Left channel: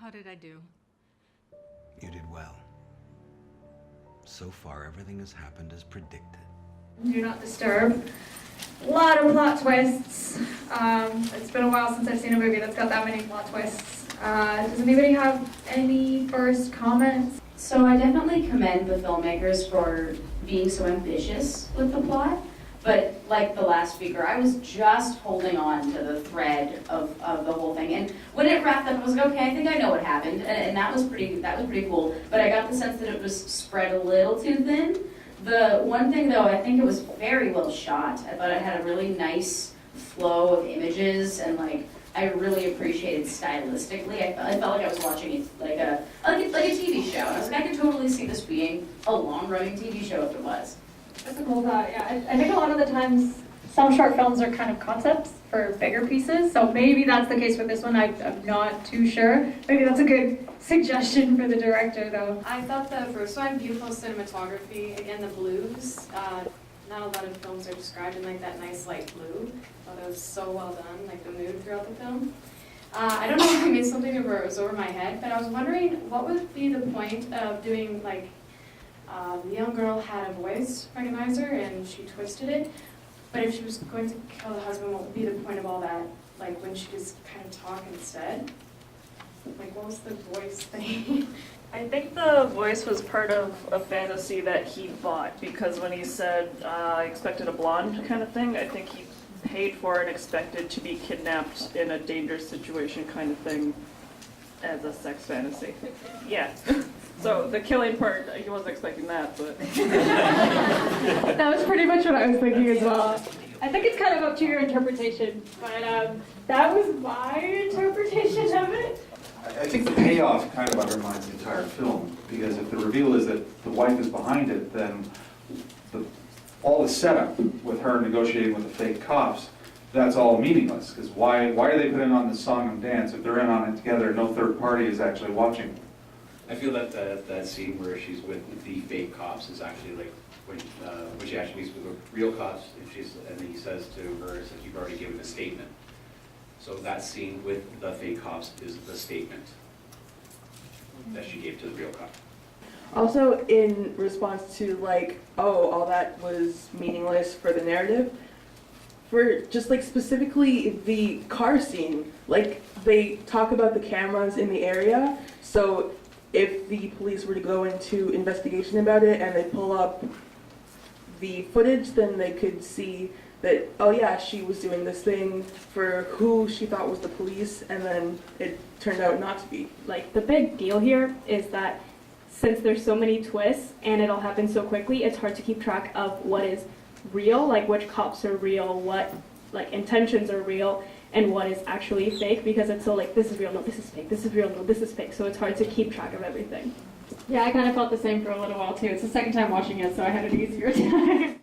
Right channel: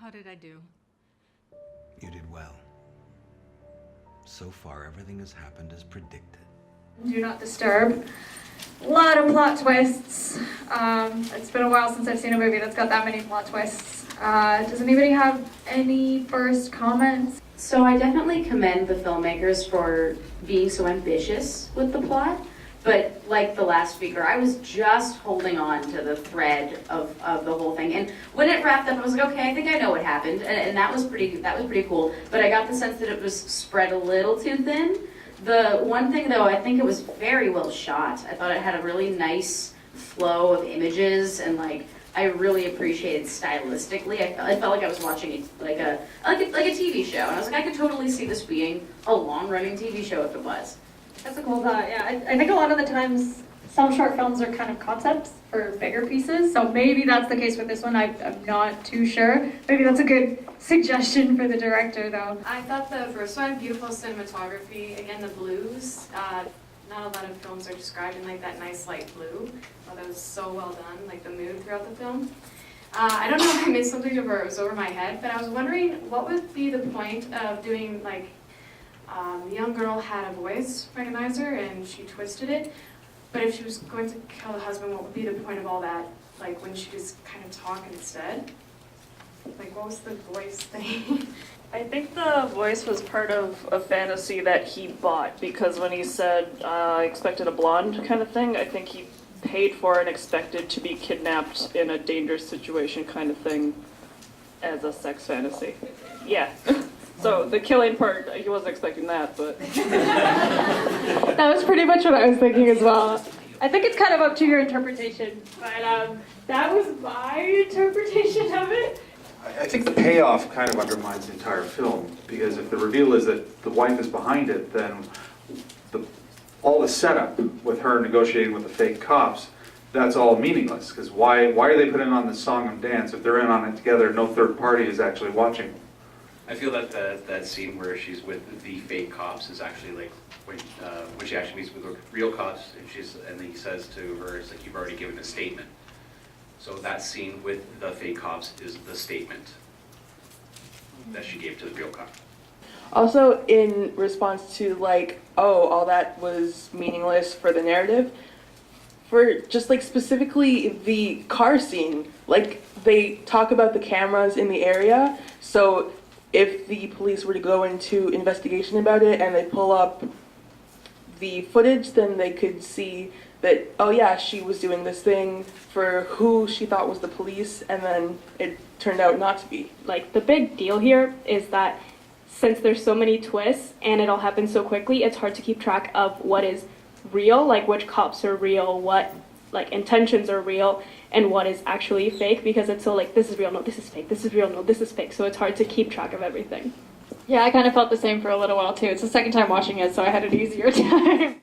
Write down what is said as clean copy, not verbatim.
How did I do? You did well. So far, everything has happened as predicted. Do not disturb. A lot of plot twists. It's been a while since I've seen a movie that's got that many plot twists. Does anybody have any first comments? So I definitely commend the filmmakers for being so ambitious with the plot. But like the last speaker, I was just holding on to the thread of the whole thing. And when it wrapped up, I was like, okay, I think I know what happened. And that was pretty cool. But I got the sense that it was spread a little too thin. The one thing though, I think it was very well shot. I thought it had a really nice flow of images, and like I really appreciated stylistically. I felt like I was watching like a TV show. And I was like, I could totally see this being a long-running TV show if it was. That's a cool thought, yeah. I think a lot of the times some short films are kind of concepts for bigger pieces, so maybe that's the case with this one. I'm not too sure. Maybe that's a good suggestion for the director, though. I thought the first one, beautiful cinematography. Again, the blues. Not a lot of films are described in like that nice light blue. I thought that was so well done, like the mood throughout the film. I don't know if I missed something or it was over my head, but I was wondering what would be the point of doing like the young girl had a voice recognizer and she twisted it, but if she was going to kill the husband, what would be the point of all that? Like when she just kind of talk instead? Like what was the voice thing? I think the voice was part of a fantasy that he bought, because when he said, I expected a blonde kind of thing, I think he paid for and expected to be kidnapped in a dangerous situation kind of thing as a sex fantasy. Yeah. So the killing part, he wasn't expecting that, but... That was pretty much what I was thinking as well. I think it's kind of up to your interpretation, but that was my interpretation of it. I think the payoff kind of undermines the entire film, because if the reveal is that the wife is behind it, then all the setup with her negotiating with the fake cops, that's all meaningless, because why are they putting on this song and dance if they're in on it together, no third party is actually watching? I feel that that scene where she's with the fake cops is actually like when she actually meets with the real cops, and he says to her, it's like, you've already given a statement. So that scene with the fake cops is the statement that she gave to the real cop. Also, in response to like, oh, all that was meaningless for the narrative, for just like specifically the car scene, like they talk about the cameras in the area, so if the police were to go into investigation about it and they pull up the footage, then they could see that, oh yeah, she was doing this thing for who she thought was the police, and then it turned out not to be. Like, the big deal here is that since there's so many twists and it all happens so quickly, it's hard to keep track of what is real, like which cops are real, what like intentions are real, and what is actually fake, because it's so like, this is real, no, this is fake, this is real, no, this is fake, so it's hard to keep track of everything. Yeah, I kind of felt the same for a little while too. It's the second time watching it, so I had an easier time.